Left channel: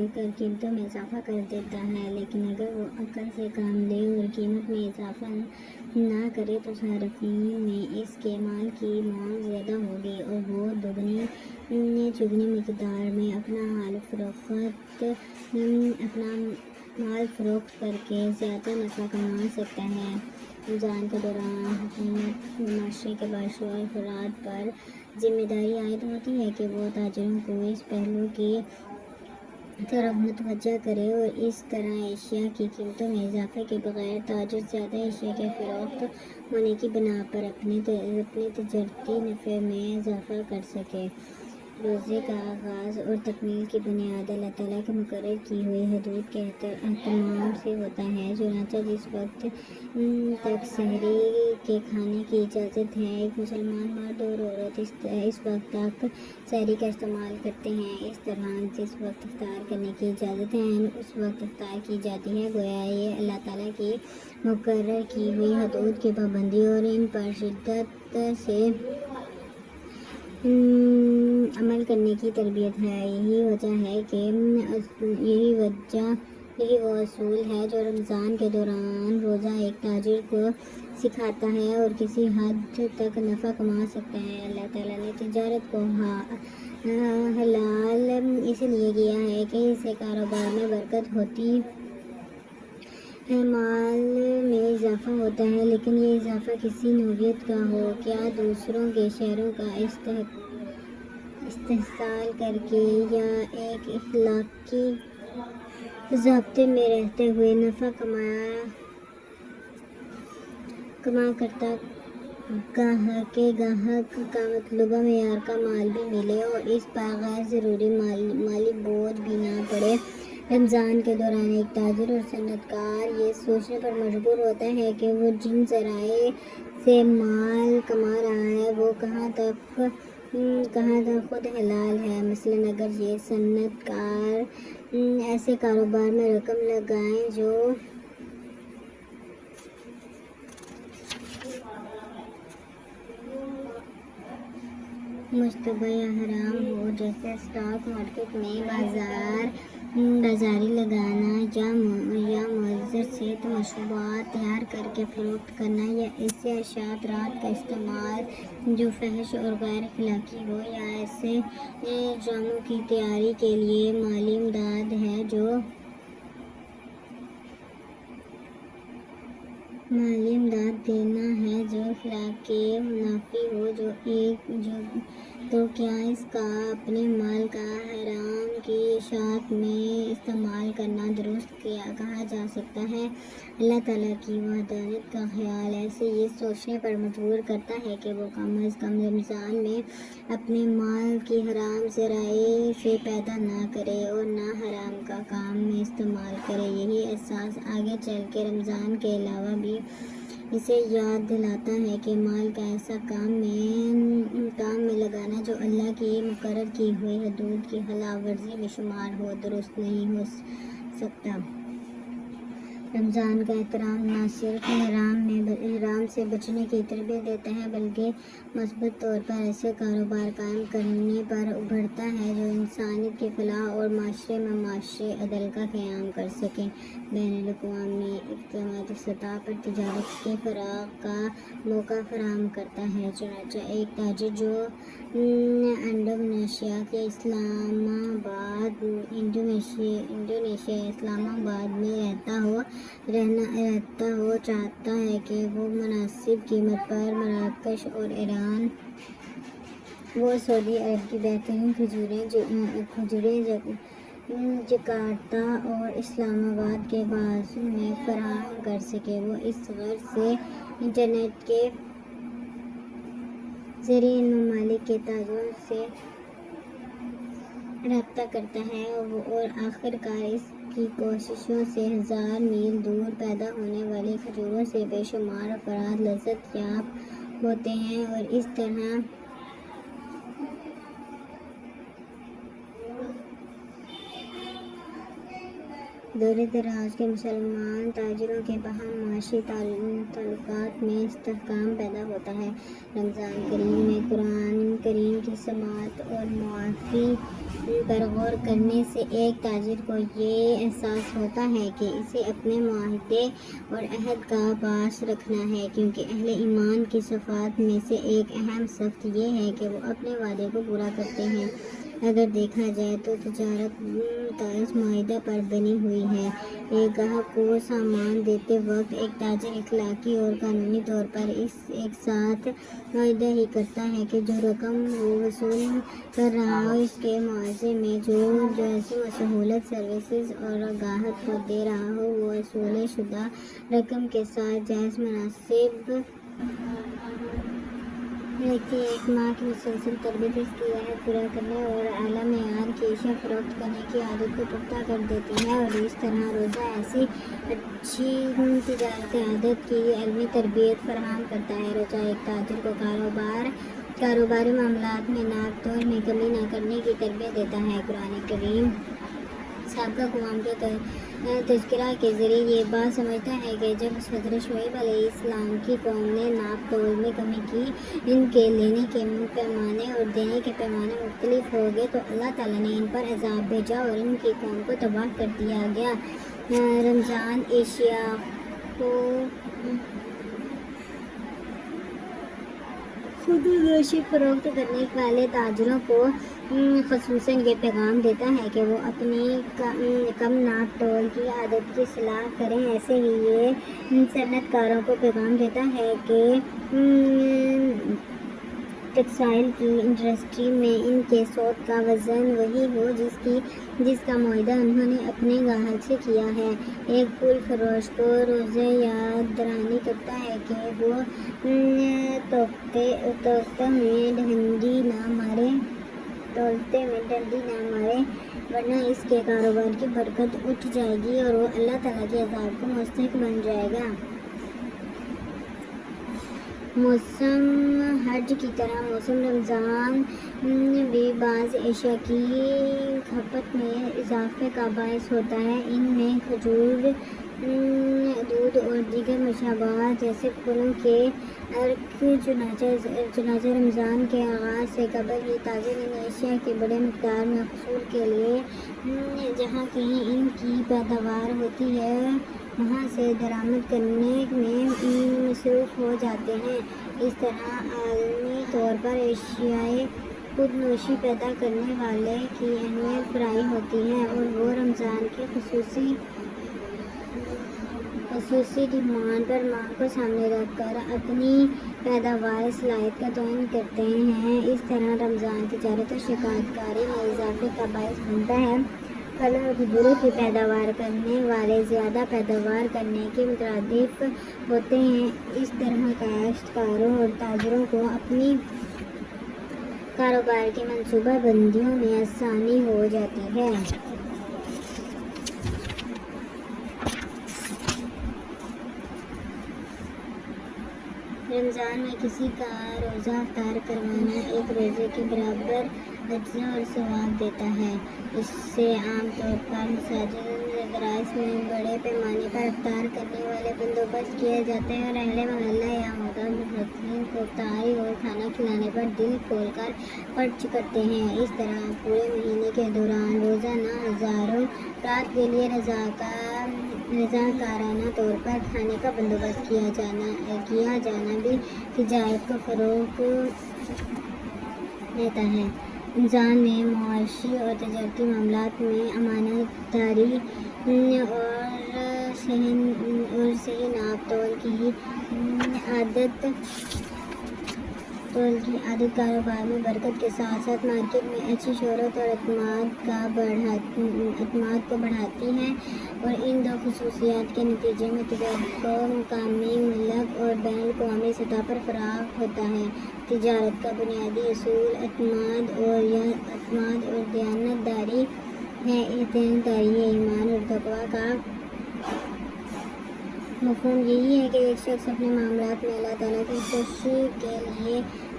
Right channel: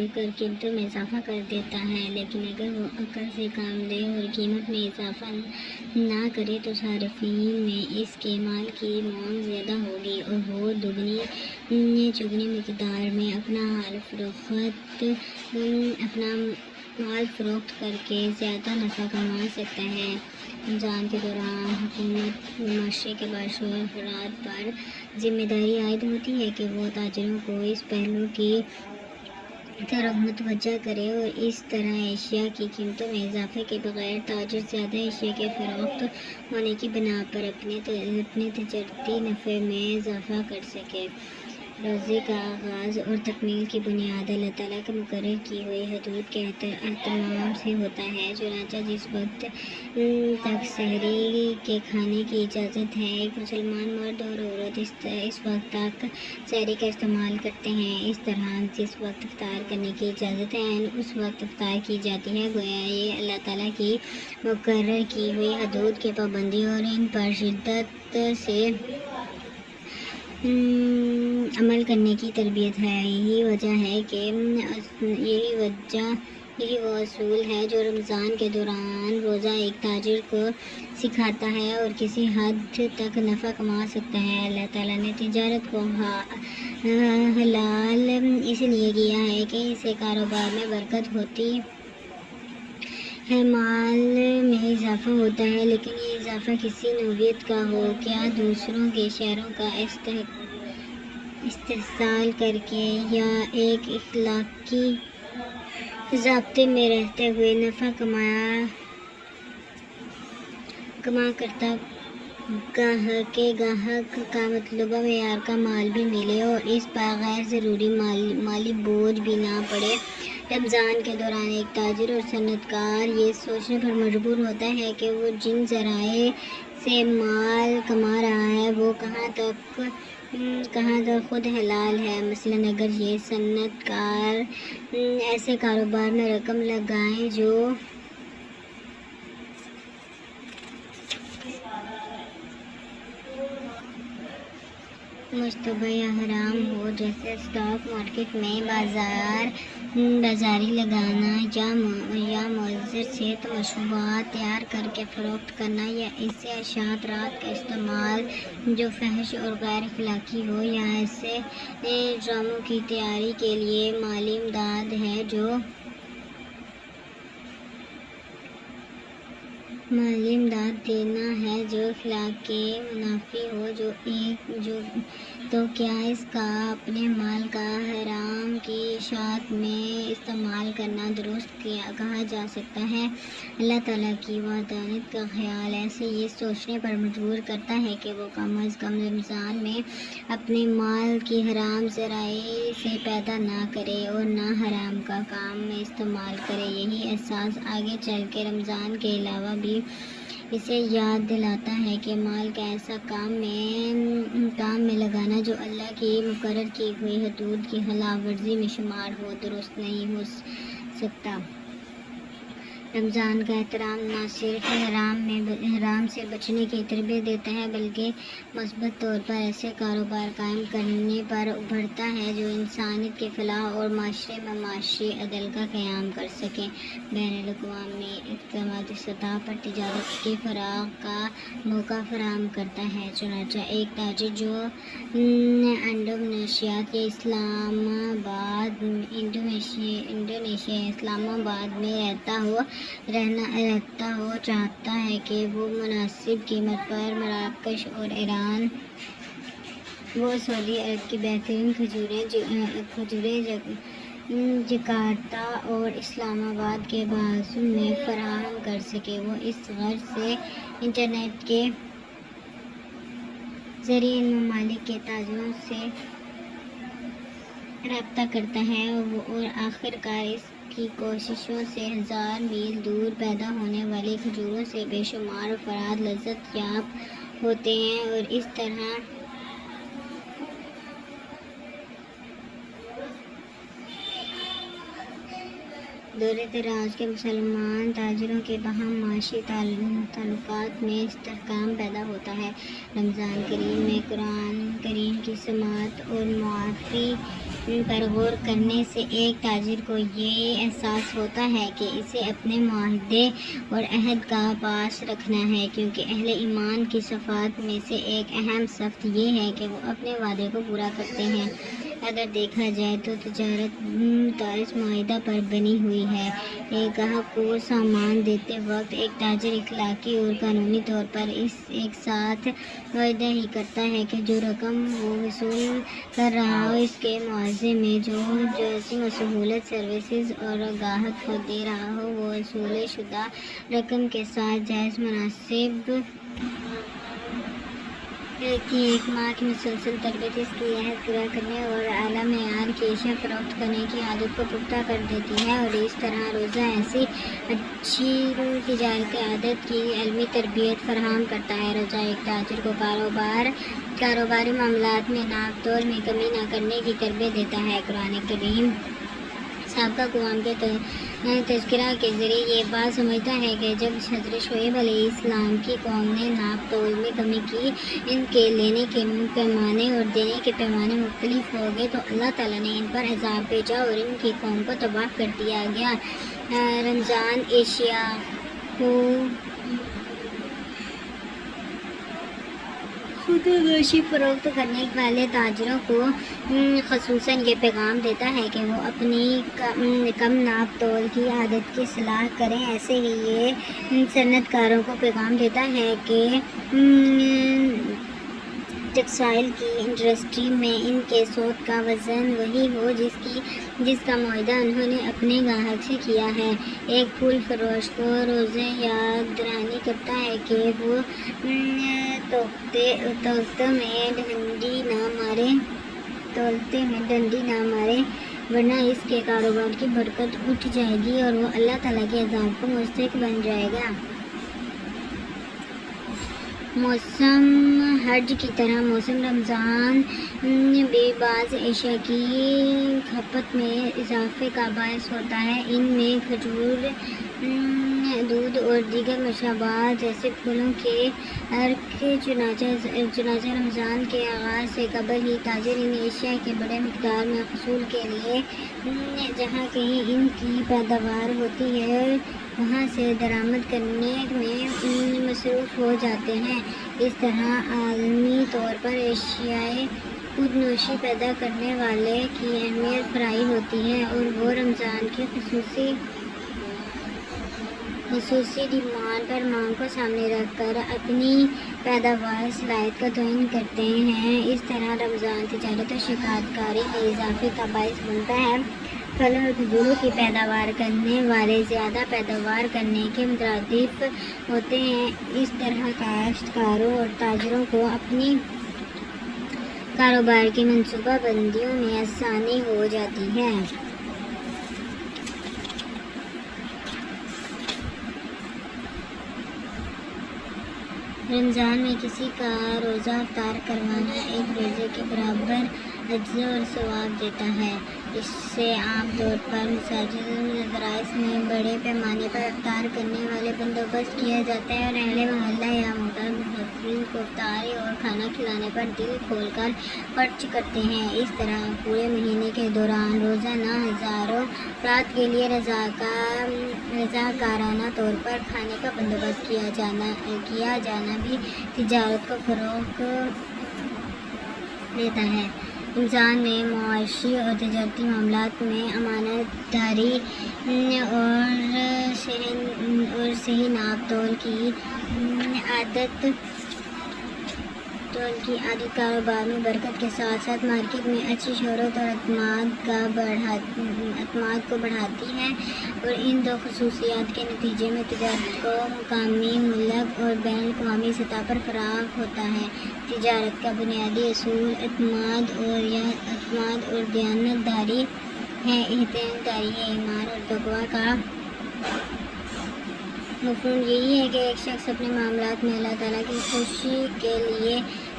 دے کر قیمتوں میں اضافہ کر دیتا ہے، لیکن اگر وہ عقل سے کام لے اور قیمت میں اضافہ نہ کرے تو صارفین میں اس کے مال کی مانگ زیادہ ہوگی اور وہ دگنی چگنی مقدار میں اپنا مال فروخت کر کے زیادہ نفع کما سکتا ہے۔ رمضان کے دوران حکومت و معاشرے کے باشعور افراد پر ذمہ داری عائد ہوتی ہے کہ وہ تاجروں کو اس پہلو کی طرف متوجہ کرے اور اس طرح اشیاء کی قیمتوں میں اضافے کے بغیر تاجر زیادہ اشیاء کے فروخت ہونے کی بنا پر اپنے تجارتی نفع میں اضافہ کر سکے۔ روزے کا آغاز اور تکمیل کی بنیاد اللہ تعالیٰ کے مقرر کی ہوئی حدود کے اہتمام سے ہوتا ہے، چنانچہ جس وقت تک سحری کے کھانے کی اجازت ہے، ایک مسلمان مرد اور عورت اس وقت تک سحری کا استعمال کرتے ہیں۔ اس طرح جس وقت افطار کرنے کی اجازت ہے اس وقت افطار کی جاتی ہے، گویا یہ اللہ تعالیٰ کی مقرر کی ہوئی حدود کی پابندی اور ان پر شدت سے عمل کرنے کی تربیت ہے۔ یہی وہ اصول ہے جو رمضان کے دوران روزہ ایک تاجر کو سکھاتا ہے اور کسی حد تک نفع کما سکتا ہے۔ اللہ تعالیٰ نے تجارت کو حلال اس لیے کیا ہے کہ اس سے کاروبار میں برکت ہوتی ہے، مال میں اضافہ ہوتا ہے، لیکن یہ اضافہ کسی نوعیت کا ہو، کیا دوسروں کے شیئروں کا استحصال کر کے یا ایک اخلاقی ضابطے میں رہتے ہوئے نفع کما کرتا گاہک کا مطلوبہ معیار کا مال بھی ملے اور اس پر غیر ضروری مالی بوجھ بھی نہ پڑے۔ رمضان کے دوران ایک تاجر اور صنعت کار یہ سوچنے پر مجبور ہوتا ہے کہ وہ جن ذرائع سے مال کما رہا ہے وہ کہاں تک خود حلال ہے۔ مثلاً اگر یہ صنعت کار ایسے کاروبار میں رقم لگائیں جو مشتبہ یا حرام ہو، جیسے اسٹاک مارکیٹ میں بازاری لگانا یا معذر صحت مشروبات تیار کر کے فروخت کرنا یا ایسے اشیاء کا استعمال جو فحش اور غیر اخلاقی ہو، یا ایسے ڈراموں کی تیاری کے لیے مالی امداد ہے جو دینا ہے جو اخلاق کے منافی ہو، تو کیا اس کا اپنے مال کا حرام کی اشاعت میں استعمال کرنا درست کہا جا سکتا ہے؟ اللہ تعالیٰ کی وحدانیت کا خیال ایسے یہ سوچنے پر مجبور کرتا ہے کہ وہ کم از کم رمضان میں اپنے مال کی حرام ذرائع سے پیدا نہ کرے اور نہ حرام کا کام میں استعمال کرے۔ یہی احساس آگے چل کے رمضان کے علاوہ بھی اسے یاد دلاتا ہے کہ مال کا ایسا کام میں لگانا جو اللہ کی مقرر کی ہوئی حدود کی خلاف ورزی میں شمار ہو، درست نہیں ہو سکتا۔ رمضان کا احترام نہ صرف حرام سے بچنے کی تربیت دیتا ہے بلکہ مثبت طور پر ایسے کاروبار قائم کرنے پر ابھرتا ہے جو انسانیت کی فلاح اور معاشرے میں معاشی عدل کا قیام کر سکیں۔ بین الاقوامی اقتصادی سطح پر تجارت کے فروغ کا موقع فراہم کرتا ہے۔ چنانچہ ایک تاجر جو انڈونیشیا کے اسلام آباد میں رہتا ہو چاہتا ہے کہ وہ مناسب قیمت پر مراکش اور ایران و سعودی عرب کی بہترین کھجوریں جکارتہ اور اسلام آباد کے بازو میں فراہم کر سکے۔ وہ اس غرض سے انٹرنیٹ کے ذریعے ان ممالک کے تاجروں سے رابطہ کرتا ہے اور آخرکار اس کی کوششوں سے 1000 میل دور پیدا ہونے والی کھجوروں سے بے شمار افراد لذت یاب ہوتے ہیں اور اس طرح دور دراز کے مسلمان تاجروں کے باہم معاشی تعلقات میں استحکام پیدا ہوتا ہے۔ رمضان کریم میں قرآن کریم کی سماعت اور معافی پر غور کرنے سے ایک تاجر کو یہ احساس ہوتا ہے کہ اسے اپنے معاہدے اور عہد کا پاس رکھنا ہے، کیونکہ اہل ایمان کی صفات میں سے ایک اہم صفت یہ ہے کہ وہ اپنے وعدے کو پورا کرتے ہیں۔ اگر دیکھا جائے تو تجارت اس معاہدہ پر بنی ہوئی ہے۔ ایک گاہک کو سامان دیتے وقت ایک تاجر اخلاقی اور قانونی طور پر ایک ساتھ معاہدہ ہی کرتا ہے کہ جو رقم وہ وصول کر رہا ہو اس کے معاوضے میں جو ایسی سہولت، سروسز اور گاہک کو دے رہا ہو وہ وصول شدہ رقم کے ساتھ جائز مناسب رکھتی ہے۔ ایک ماہ کی مسلسل تربیت اس کی عہد پورا کرنے اور اعلیٰ معیار کی اشیاء فروخت کرنے کی عادت کو پختہ کر دیتی ہے، اور اس طرح روزہ ایسی اچھی تجارتی عادت کی علمی تربیت فراہم کرتا ہے۔ روزہ ایک تاجر کو کاروباری معاملات میں ناپ تول میں کمی نہ کرنے کی تربیت دیتا ہے۔ قرآن کریم سابقہ اقوام کے تذکرہ کے ذریعے یہ بات سمجھتا ہے کہ جب حضرت شعیب علیہ السلام کی قوم نے ناپ تول میں کمی کی، ان کے لینے کے پیمانے اور دینے کے پیمانے مختلف ہو گئے، تو اللہ تعالیٰ نے ان پر عذاب بھیجا اور ان کی قوم کو تباہ کر دیا گیا۔ رمضان اشیاء کو خود نوشی فروخت کرنے والے تاجروں کو خصوصاً یہ پیغام دیتا ہے کہ وہ اپنی کم ناپ تول کی عادت کی اصلاح کریں۔ ایسے ہی یہ صنعت کاروں کو پیغام دیتا ہے کہ ٹیکسٹائل کی انڈسٹری میں ان کے سود کا وزن وہی ہو جس کا معاہدہ انہوں نے اپنے گاہک سے کیا ہے۔ ایک پھول فروش کو روزے یاد دہانی کرتا ہے کہ وہ تولتے میں ڈنڈی نہ مارے، ورنہ اس کے کاروبار کی برکت اٹھ جائے گی اور وہ اللہ تعالیٰ کے عذاب کو مستحق بن جائے گا۔ موسم حج کی طرح موسم رمضان بھی بعض اشیاء کی کھپت میں اضافے کا باعث ہوتا ہے۔ ان میں کھجور، دودھ اور دیگر مشروبات جیسے پھلوں کے عرق، چنانچہ رمضان کے آغاز سے قبل ہی تاجر ان اشیاء کے بڑے مقدار میں حصول کے لیے جہاں کہیں ان کی پیداوار ہوتی ہے وہاں سے درآمد کرنے میں مصروف ہو جاتے ہیں۔ اس طرح عالمی طور پر اشیائے خود نوشی پیدا کرنے والے کی اہمیت فرائی ہوتی ہے اور وہ رمضان کی خصوصی ڈیمانڈ پر مانگ کو سامنے رکھ کر اپنی پیداوار صلاحیت کا تعین کرتے ہیں۔ اس طرح رمضان تجارت اور شکایت کاری میں اضافے کا باعث بنتا ہے۔ پھل اور کھجوروں کی پیداوار کرنے والے زیادہ پیداوار کرنے کے مترادف ہوتے ہیں۔ اس طرح کاشتکاروں اور تاجروں کو اپنی کاروبار کی منصوبہ بندیوں میں آسانی ہو جاتی ہے۔ رمضان میں کسی کا روزہ افطار کروانا ایک روزے کے برابر اجر اور ثواب دیتا ہے۔ اس سے عام طور پر مساجد اور مدارس میں بڑے پیمانے پر افطار کرنے والے بندوبست کیے جاتے ہیں اور اہل محلہ یا محترم مسافرین کو افطاری اور کھانا کھلانے پر دل کھول کر خرچ کرتے ہیں۔ اس طرح پورے مہینے کے دوران روزانہ ہزاروں افراد کے لیے رضاکارانہ طور پر کھانے کا بندوبست کیا جانا بھی تجارت کو فروغ دیتا ہے۔ رمضان میں معاشی اور تجارتی معاملات میں امانت داری اور صحیح ناپ تول کی عادت کاروبار میں برکت کے ساتھ ساتھ مارکیٹ میں اچھی شہرت اور اعتماد کو بڑھاتی ہے، اور ان دو خصوصیات کے نتیجے میں تجارت کو مقامی، ملک اور بین الاقوامی سطح پر فروغ ہوتا ہے۔ تجارت کا بنیادی اصول اعتماد اور دیانت داری ہے۔ اعتماد داری ایمان اور تقویٰ کا مفہوم یہی ہے کہ ایک شخص اپنے معاملات میں اللہ تعالیٰ کی خوشی کے لیے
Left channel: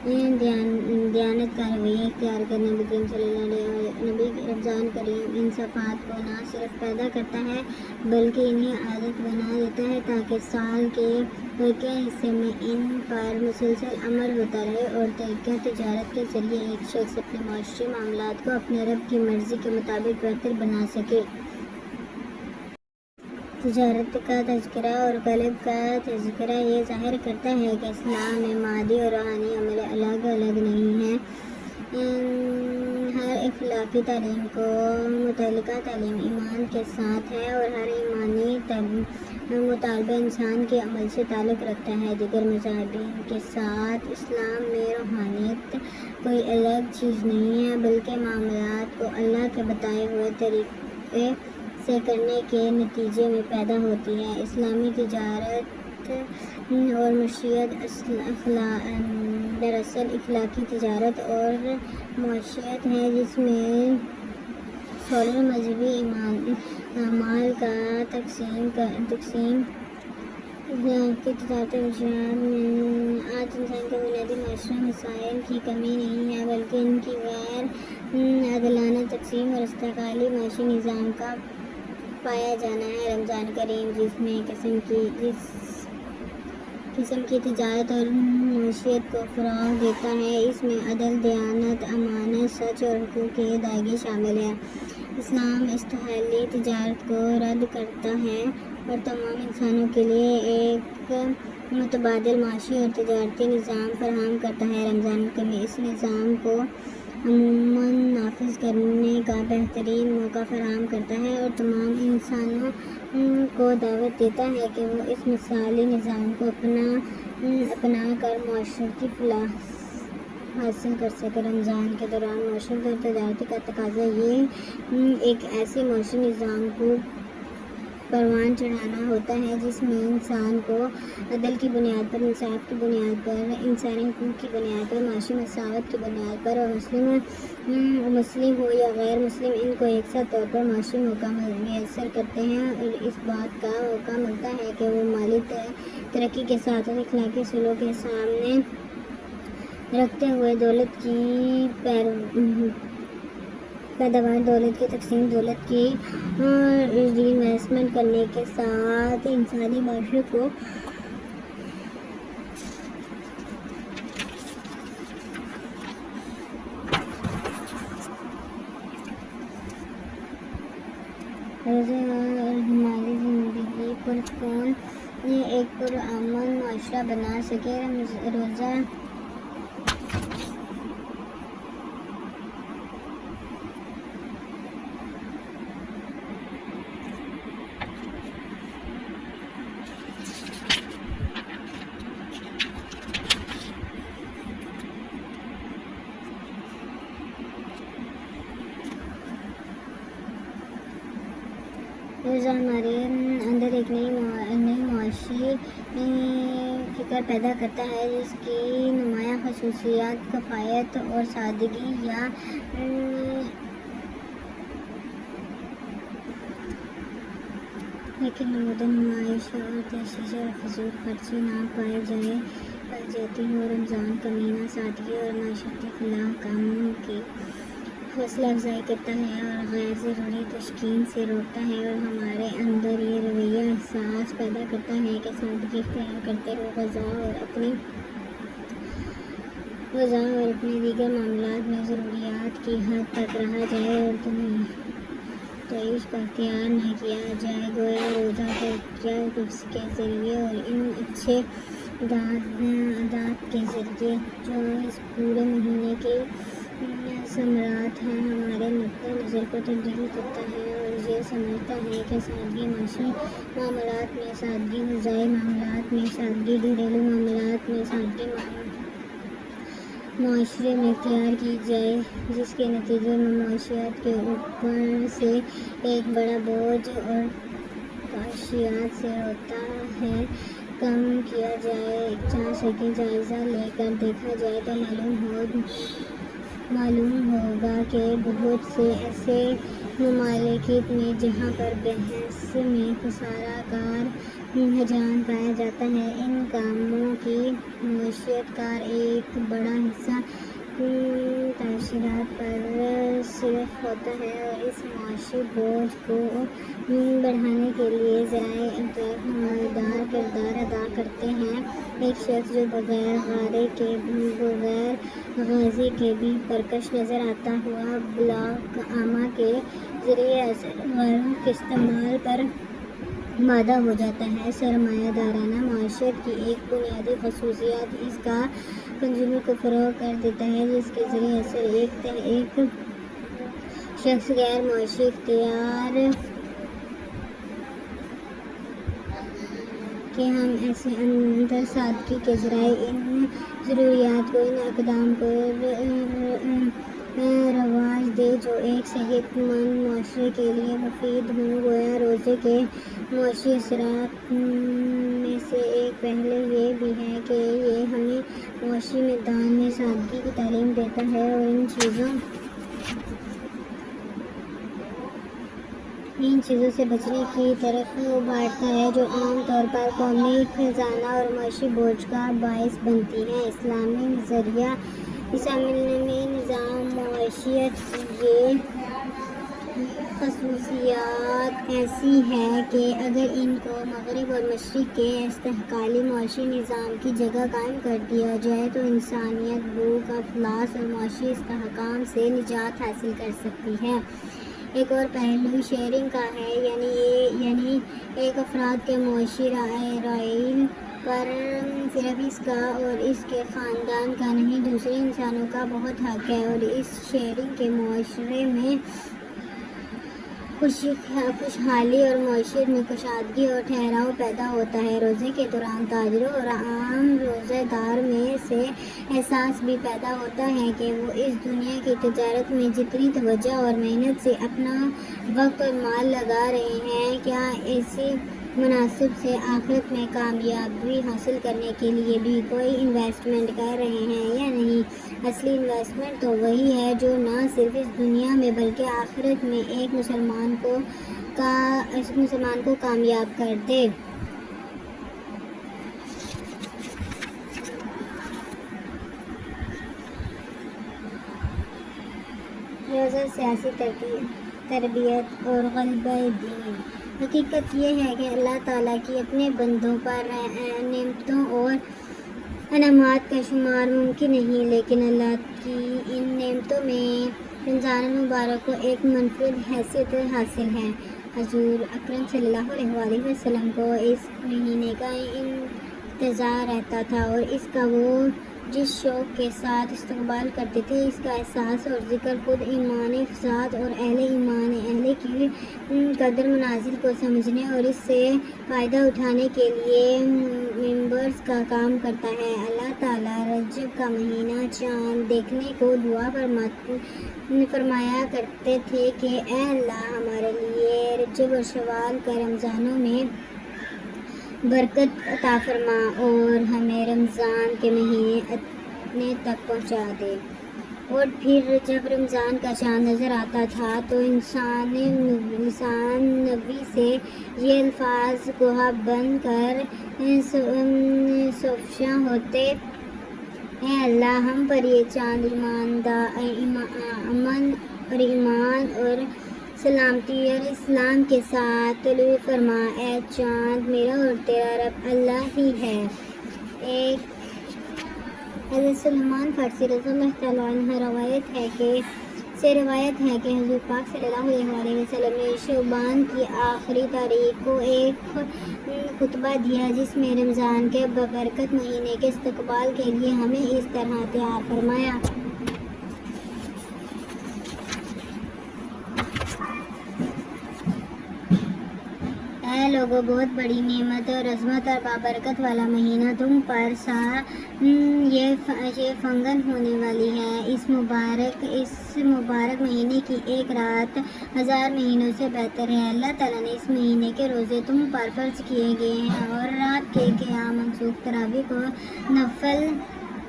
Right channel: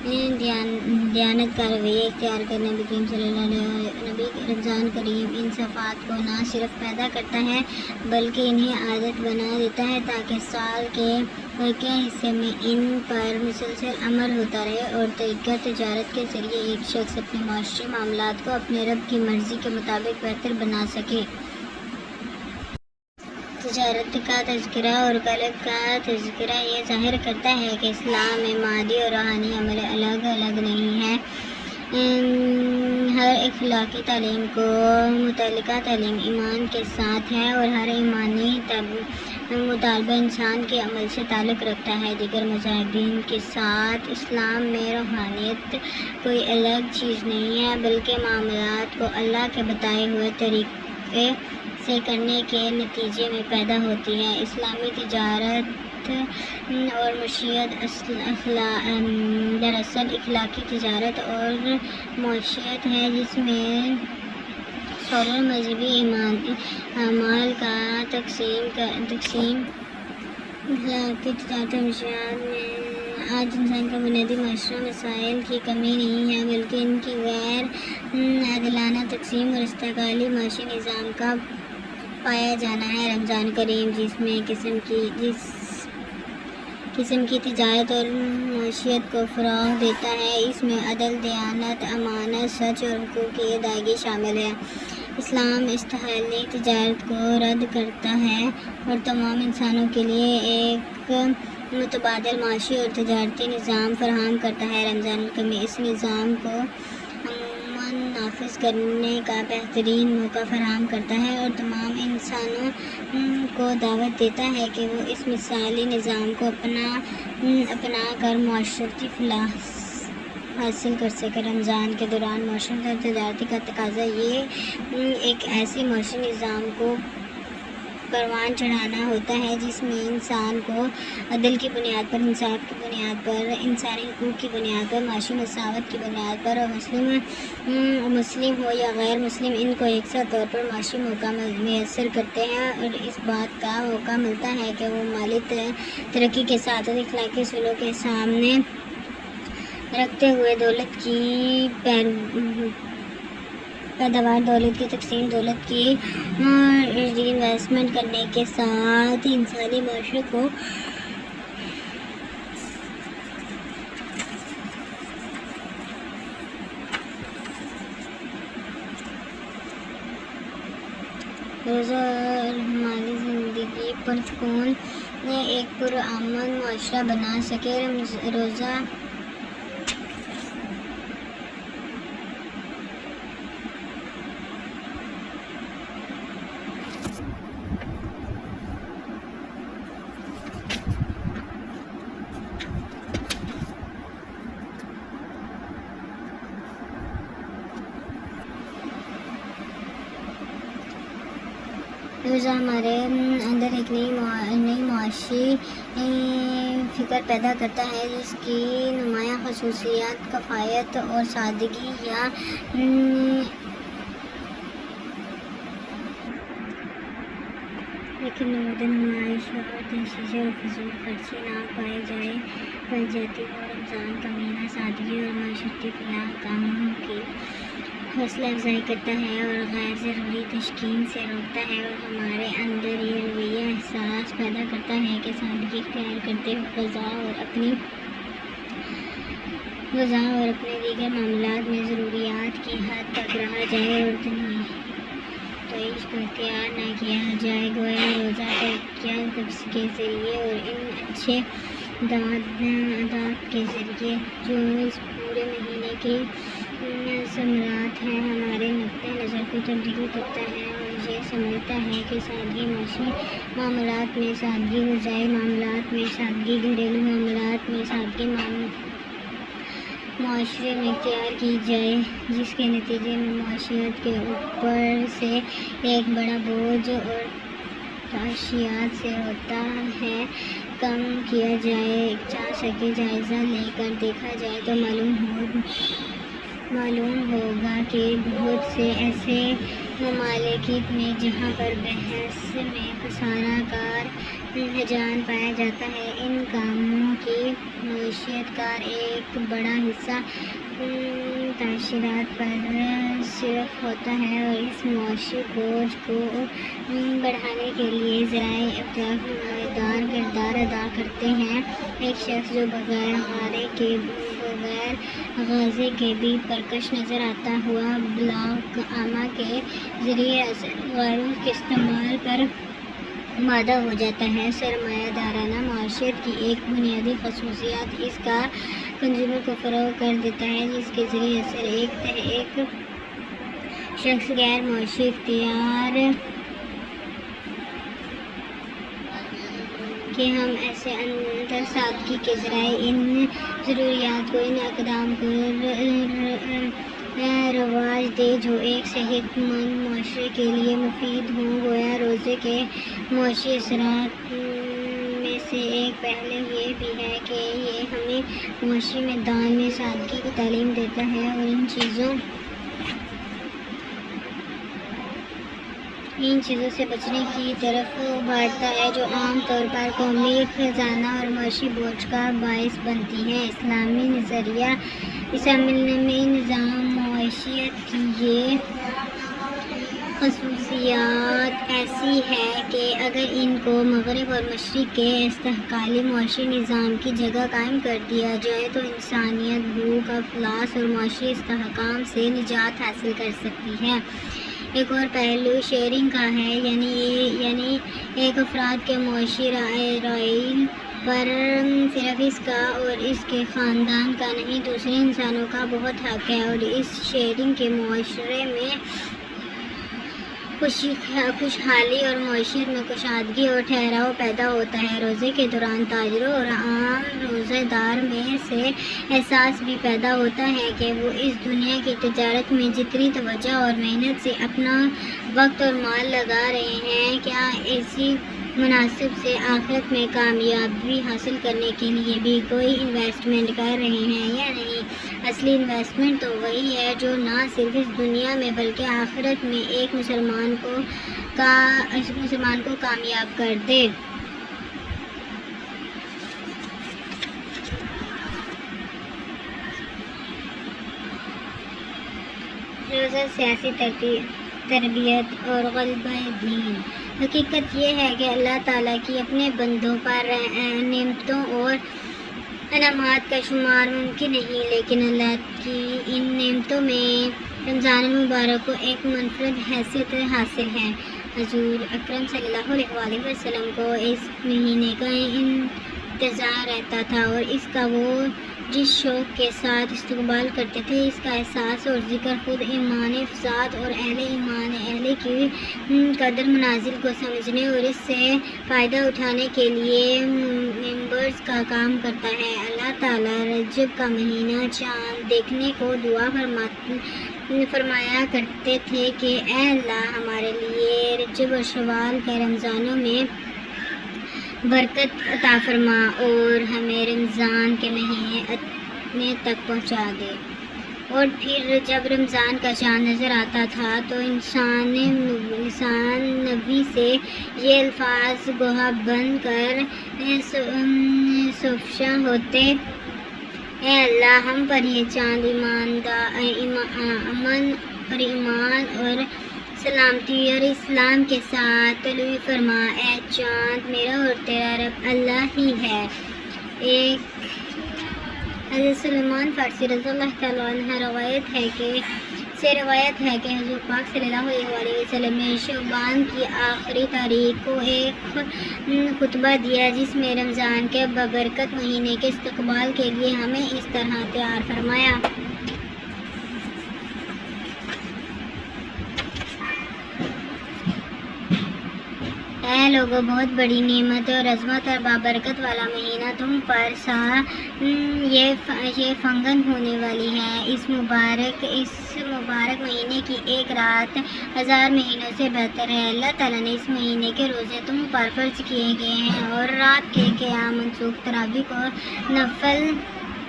دیانت کا رویہ اختیار کرنا نبی کریم صلی اللہ علیہ نبی رمضان کریم ان صفات کو نہ صرف پیدا کرتا ہے بلکہ انہیں عادت بنا دیتا ہے تاکہ سال کے باقی حصے میں ان پر مسلسل عمل ہوتا رہے اور طریقہ تجارت کے ذریعے ایک شخص اپنے معاشی معاملات کو اپنے رب کی مرضی کے مطابق بہتر بنا سکے۔ تجارت کا تذکرہ اور قلب کا تذکرہ یہ ظاہر کرتا ہے کہ اسلام میں مادی اور روحانی عمل الگ الگ نہیں ہے۔ ہر اخلاقی تعلیم کو متعلقہ تعلیم ایمان کے ساتھ ہے اور ہر ایمانی مطالبہ انسان کے عمل سے تعلق رکھتا ہے۔ دیگر مذاہبین کے ساتھ اسلام میں روحانیت کوئی الگ چیز نہیں ہے بلکہ معاملات کو اللہ کے بتائے ہوئے طریقے سے کرنے کے نتیجے میں پیدا ہوتی ہے۔ اسلامی تجارت اور معیشت دراصل اخلاقی تجارت اور معیشت ہے جس میں سولر مذہبی اعمال کا تقسیم اخلاقی تجارت اور معیشت میں آج انسان کے بنیادی معاشرہ مسائل کی کمی نہیں ہے بلکہ ان کی غیر عادلانہ تقسیم اور استقلالی معاشی نظام کا پایا جانا ہے۔ رمضان کریم جس قسم کی تجارت اور معیشت کو فروغ دیتا ہے اس میں عدل، دیانت، امانت، سچ اور حقوق کی ادائیگی شامل ہے۔ اسلام استحالی تجارت کو رد کرتا ہے اور تمام انسانوں کے لیے ایک متبادل معاشی اور تجارتی نظام فراہم کرتا ہے۔ رمضان الکریم اس نظام کو عموماً نافذ کرنے کا بہترین موقع فراہم کرتا ہے اور تمام انسانوں کو دعوت دیتا ہے کہ وہ اس مثالی نظام کو اپنا کر معاشرتی فلاح حاصل کر سکے۔ رمضان کے دوران معاشرت اور تجارت کا تقاضا یہ ایک ایسے معاشی نظام کو پروان چڑھانا ہوتا ہے جس میں انسان کو عدل کی بنیاد پر، انصاف کی بنیاد پر، انسانی حقوق کی بنیاد پر، معاشی مساوات کی بنیاد پر اور مسلم ہو یا غیر مسلم ان کو یکساں طور پر معاشی موقع میسر کرتے ہیں اور اس بات کا موقع ملتا ہے کہ وہ مالی ترقی کے ساتھ اخلاقی اصولوں کے سامنے رکھتے ہوئے دولت کی پیداوار، دولت کی تقسیم، دولت کی ری انویسٹمنٹ کرنے کے ساتھ انسانی معاشرے کو روزہ اور ہماری زندگی پرسکون ایک پرامن معاشرہ بنا سکے۔ روزہ ہمارے اندر ایک نئی معاشی فکر پیدا کرتا ہے جس کی نمایاں خصوصیات کفایت اور سادگی یا لیکن نمود نمائش اور تشدد اور فضول خرچی نہ پائی جاتی ہو۔ رمضان کا مہینہ سادگی اور معاشرتی فلاح کاموں کی حوصلہ افزائی کرتا ہے اور غیر ضروری تشکین سے روکتا ہے اور ہمارے اندر یہ رویہ احساس پیدا کرتا ہے کہ سادگی اختیار کرتے ہوئے غذا اور اپنے دیگر معاملات میں ضروریات کی حد تک رہا جائے اور تعیش کا اختیار نہ کیا جائے۔ گویا روزہ ترکیہ کے ذریعے اور ان اچھے عادات کے ذریعے جو اس پورے مہینے کے ثمرات ہیں ہمارے نقطۂ نظر کو تبدیل کرتا ہے اور یہ سمجھتا ہے کہ سادگی معاشی معاملات میں سادگی، غذائی معاملات میں سادگی، گھریلو معاملات میں سادگی معاشرے میں اختیار کی جائے جس کے نتیجے میں معاشیات کے اوپر سے ایک بڑا بوجھ اور تعشیات سے ہوتا ہے کم کیا جا سکے۔ جائزہ لے کر دیکھا جائے تو معلوم معلوم ہوگا کہ بہت سے ایسے ممالک میں جہاں پر بحث میں خسارہ کار رجحان پایا جاتا ہے، ان کاموں کی معیشت کا ایک بڑا حصہ تعشیرات پر صرف ہوتا ہے، اور اس معاشی بوجھ کو بڑھانے کے لیے ذرائع ابداع نمایاں کردار ادا کرتے ہیں۔ ایک شخص جو بغیر غازے کے بھی پرکش نظر آتا ہوا بلاک عامہ کے ذریعے اثر قانون کے استعمال پر آمادہ ہو جاتا ہے۔ سرمایہ دارانہ معیشت کی ایک بنیادی خصوصیت اس کا کنزیومر کو فروغ کر دیتا ہے، جس کے ذریعے اثر ایک شخص غیر معاشی اختیار کہ ہم ایسے اندر سادگی کے ذرائع ان ضروریات کو، ان اقدام کو رواج دے جو ایک صحت مند معاشرے کے لیے مفید ہوں۔ گویا روزے کے معاشی اثرات میں سے ایک پہلو یہ بھی ہے کہ یہ ہمیں معاشی میدان میں سادگی کی تعلیم دیتا ہے اور ان چیزوں سے بچنے کی طرف ابھارتا ہے جو عام طور پر قومی خزانہ اور معاشی بوجھ کا باعث بنتی ہیں۔ اسلامی نظام معیشت کی یہ خصوصیات ایسی ہے کہ اگر ان کو مغرب اور مشرق کے استحصالی معاشی نظام کی جگہ قائم کر دیا جائے تو انسانیت بھوک، افلاس اور معاشی استحکام سے نجات حاصل کر سکتی ہے۔ ایک اور پہلو شیئرنگ کا ہے، یعنی ایک افراد کے معاشی رائل پر صرف اس کا اور اس کے خاندان کا نہیں، دوسرے انسانوں کا بہت حق ہے، اور اس شیئرنگ کے معاشرے میں خوشحالی اور معیشت میں کشادگی اور ٹھہراؤ پیدا ہوتا ہے۔ روزے کے دوران تاجروں اور عام روزہ دار میں سے احساس بھی پیدا ہوتا ہے کہ وہ اس دنیا کی تجارت میں جتنی توجہ اور محنت سے اپنا وقت اور مال لگا رہے ہیں، کیا اسی مناسب سے آخرت میں کامیابی حاصل کرنے کے لیے بھی کوئی انویسٹمنٹ کر رہے ہیں یا نہیں۔ اصلی انویسٹمنٹ تو وہی ہے جو نہ صرف اس دنیا میں بلکہ آخرت میں ایک مسلمان کو کامیاب کر دے۔ روزہ سیاسی تربیت اور غلبہ دین۔ حقیقت یہ ہے کہ اللہ تعالیٰ کی اپنے بندوں پر نعمتوں اور انعامات کا شمار ممکن نہیں، لیکن اللہ کی ان نعمتوں میں رمضان المبارک کو ایک منفرد حیثیت حاصل ہے۔ حضور اکرم صلی اللہ علیہ وآلہ وسلم کو اس مہینے کا انتظار رہتا تھا، اور اس کا وہ جس شوق کے ساتھ استقبال کرتے تھے، اس کا احساس اور ذکر خود ایمان افزاد اور اہل کی قدر منازل کو سمجھنے اور اس سے فائدہ اٹھانے کے لیے ممبرز کا کام کرتا ہے۔ اللہ تعالیٰ رجب کا مہینہ چاند دیکھنے کو دعا فرمایا کرتے تھے کہ اے اللہ، ہمارے لیے رجب اور شوال کے رمضانوں میں برکت عطا فرما اور ہمیں رمضان کے مہینے تک پہنچا دے۔ اور پھر جب رمضان کا چاند نظر آتا تھا تو انسان نبی سے یہ الفاظ گویا بن کر سفشاں ہوتے، اے اللہ، ہم پر یہ چاند امن اور ایمان اور سلامتی اور اسلام کے ساتھ طلوع فرما۔ اے چاند، میرا اور تیرا رب اللہ ہی ہے۔ ایک حضرت سلمان فارسی رضی اللہ تعالیٰ عنہ روایت ہے کہ حضور پاک صلی اللہ علیہ وآلہ وسلم نے شعبان کی آخری تاریخ کو ایک خطبہ دیا جس میں رمضان کے ببرکت مہینے کے استقبال کے لیے ہمیں اس طرح تیار فرمایا۔ اے لوگوں، بہت بڑی نعمت اور عظمت اور بابرکت والا مہینہ تم پر یہ فنگن ہونے والی ہے۔ اس مبارک مہینے کی ایک رات 1000 مہینوں سے بہتر ہے۔ اللہ تعالیٰ نے اس مہینے کے روزے تم پر فرض کیے گئے ہیں اور رات کے قیام منسوخ تراویح کو نفل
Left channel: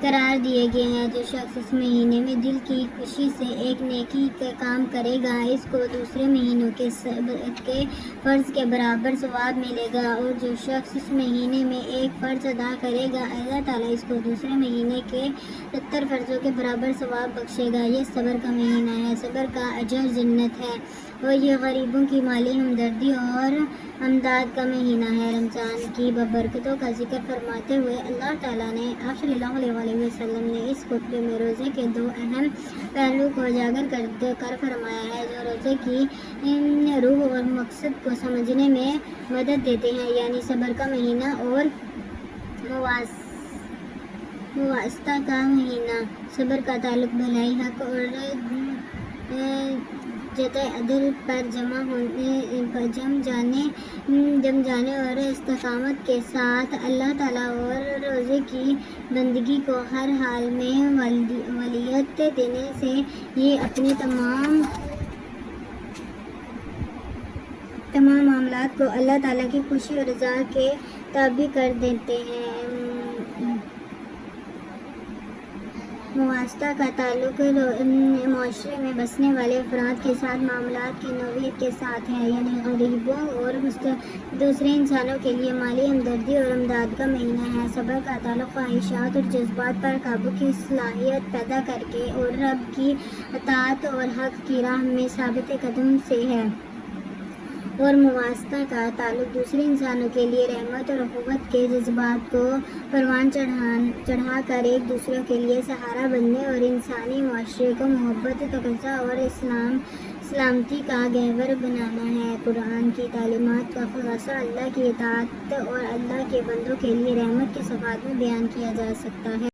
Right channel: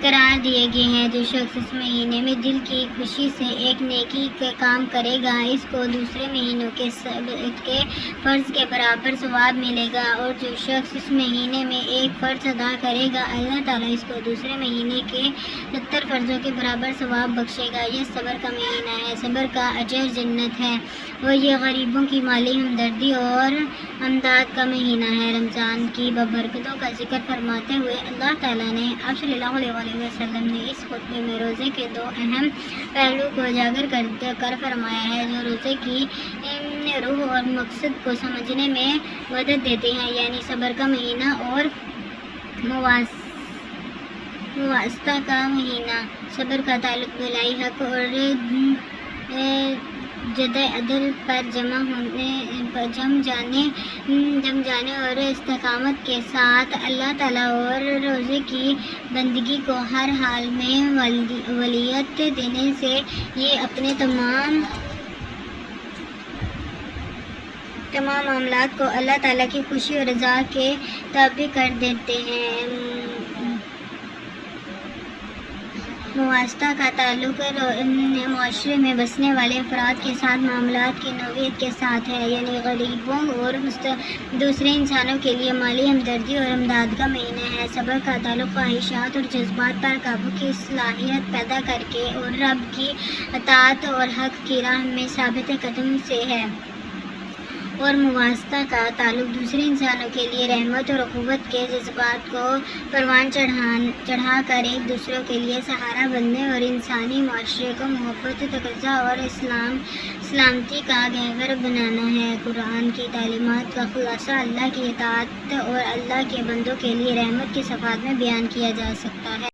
قرار دیے گئے ہیں۔ جو شخص اس مہینے میں دل کی خوشی سے ایک نیکی کا کام کرے گا اس کو دوسرے مہینوں کے فرض کے برابر ثواب ملے گا، اور جو شخص اس مہینے میں ایک فرض ادا کرے گا اللہ تعالیٰ اس کو دوسرے مہینے کے 70 فرضوں کے برابر ثواب بخشے گا۔ یہ صبر کا مہینہ ہے، صبر کا اجر جنت ہے، اور یہ غریبوں کی مالی ہمدردی اور امداد کا مہینہ ہے۔ رمضان کی ببرکتوں کا ذکر فرماتے ہوئے اللہ تعالیٰ نے آپ صلی اللہ علیہ وسلم نے اس خطبے میں روزے کے 2 اہم پہلو کو اجاگر کر فرمایا ہے جو روزے کی روح اور مقصد کو سمجھنے میں مدد دیتے ہیں، یعنی صبر کا مہینہ اور مواسطہ کا مہینہ۔ صبر کا تعلق بھلائی، حق اور جد عدل پر جم جانے اور استقامت کے ساتھ اللہ تعالیٰ اور روزے کی بندگی کو ہر حال میں ولیت دینے سے یہ اپنے تمام معاملات کو اللہ تعالیٰ کی خوشی اور رضا کے تابع کر دیتے ہیں۔ مواسطہ کا تعلق معاشرے میں بسنے والے افراد کے ساتھ معاملات کی نوعیت کے ساتھ ہے، یعنی غریبوں اور دوسرے انسانوں کے لیے مالی ہمدردی اور امداد کا مہینہ ہے۔ صبر کا تعلق خواہشات اور جذبات پر قابو کی صلاحیت پیدا کر کے اور رب کی اطاعت اور حق کی راہ میں ثابت قدم سے ہے، اور مواسطہ کا تعلق دوسرے انسانوں کے لیے رحمت اور اخوت کے جذبات کو پروان چڑھا کر ایک دوسرے کے لیے سہارا بننے اور انسانی معاشرے کو محبت، تقاضا اور سلامتی کا گہور بنانا ہے۔ قرآن کی تعلیمات کا خلاصہ اللہ کی اطاعت اور اللہ کے بندوں کے لیے رحمت کے صفات میں بیان کیا جا سکتا ہے۔